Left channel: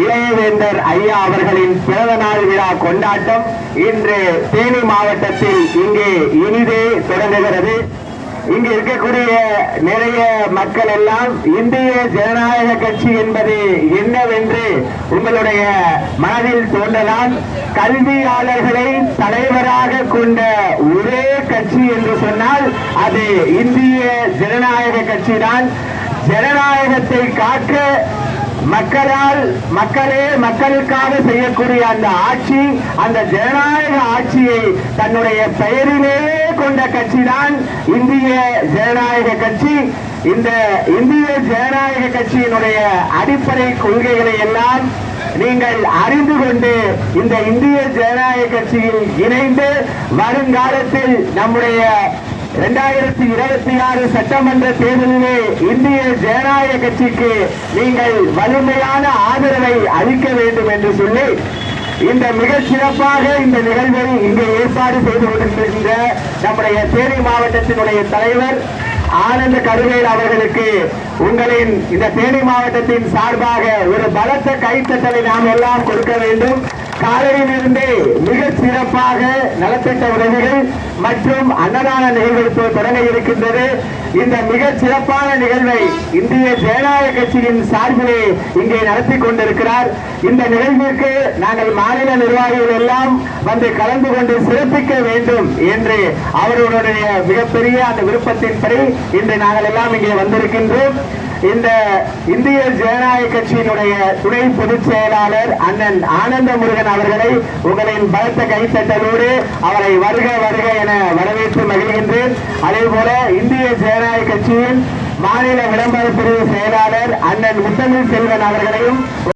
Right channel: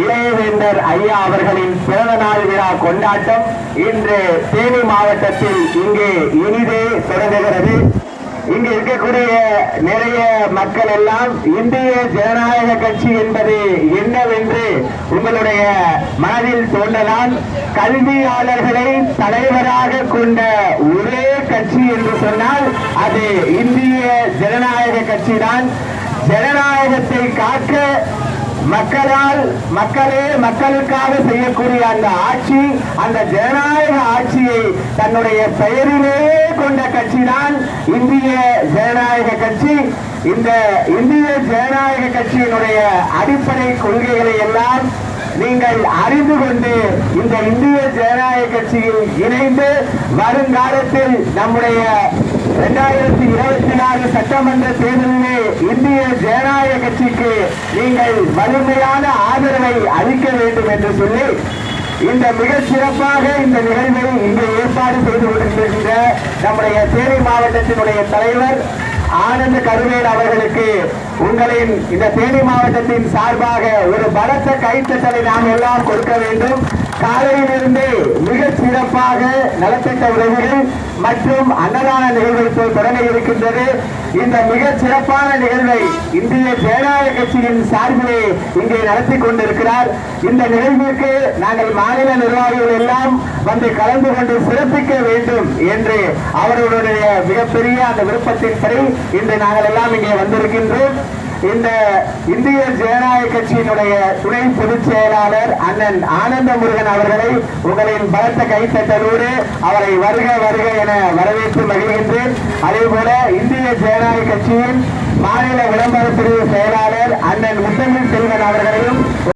இளையவேந்தர் ஐயா அவர்களின் பிறந்த நாள் விழா கொண்டாட்டம் இன்று தேனி மாவட்டத்தில் இங்கே இனிதே தொடங்குகிறது. இங்கு இருக்கக்கூடிய நிறைய மக்கள் எல்லாம் இந்திய ஜனநாயக கட்சி என்பது என்னவென்று உங்களுடைய மனதில் தோன்றலாம். கல்வியாளர்களை தலைவராக கொண்ட ஒரே கட்சி என்று சொன்னால் அது இந்திய ஜனநாயக கட்சி தான். ஜனநாயகத்தை காக்க மக்களே மக்களுக்காக செய்யக்கூடிய அந்த ஆட்சி, அந்த ஜனநாயக ஆட்சியை தன்னுடைய பெயரிலேயே கொண்ட கட்சி தான் இந்திய ஜனநாயக கட்சி. இந்த இந்திய ஜனநாயக கட்சியினுடைய அடிப்படை கொள்கைகளை எல்லாம் நீங்கள் அறிந்து கொண்டு இந்த இந்திய ஜனநாயக கட்சியில் இணைந்து வருங்காலத்தில் நம்முடைய 2024 சட்டமன்ற தேர்தலிலே இந்திய ஜனநாயக கட்சிக்கு நீங்கள் வலிமையான ஆதரவை அளிக்க வேண்டும் என்று சொல்லி இந்த மிக சிறப்பாக இந்த நிகழ்வை இங்கே ஏற்பாடு செய்து கொண்டிருக்கின்ற நம்முடைய தேனி மாவட்டத்தினுடைய தலைவர் ஆனந்த கருவேல் அவர்களுக்கு உங்களின் இந்த தேனி மாவட்டத்தின் சார்பாக ஒரு பலத்த கைத்தட்டலை நாம் எல்லாம் கொடுக்க வேண்டும். காலையிலிருந்தே மிக சிறப்பாக நலத்திட்ட உதவிகள் மற்றும் அன்னதான நிகழ்வு தொடங்க இருக்கின்றது. இந்த மிக சிறப்பான நிகழ்வை இந்திய ஜனநாயக கட்சியின் சார்பிலே இங்கே நடத்தி கொண்டிருக்கிறார். இந்த நிகழ்விற்கு நாங்கள் மாநில நிர்வாகிகள் எல்லாம் வந்து கலந்து கொண்டு சிறப்பிக்க வேண்டும் என்று அவர்களுடைய மிகப்பெரிய அந்த விருப்பத்தின்படி இன்று நாங்கள் எல்லாம் இங்கே வந்திருக்கின்றோம். இந்த இந்திய ஜனநாயக கட்சியினுடைய துணை பொதுச் செயலாளர் அண்ணன் ஆனந்த முருகன் அவர்களை உங்களின் பலத்த கைத்தட்டலோடு அவரை வருக வருக என வரவேற்று மகிழ்கின்றேன். அதே போல இந்திய ஜனநாயக கட்சியின் மாநில விளம்பர பிரிவு செயலாளர் அண்ணன் முத்தமிழ் செல்வன் அவர்களையும்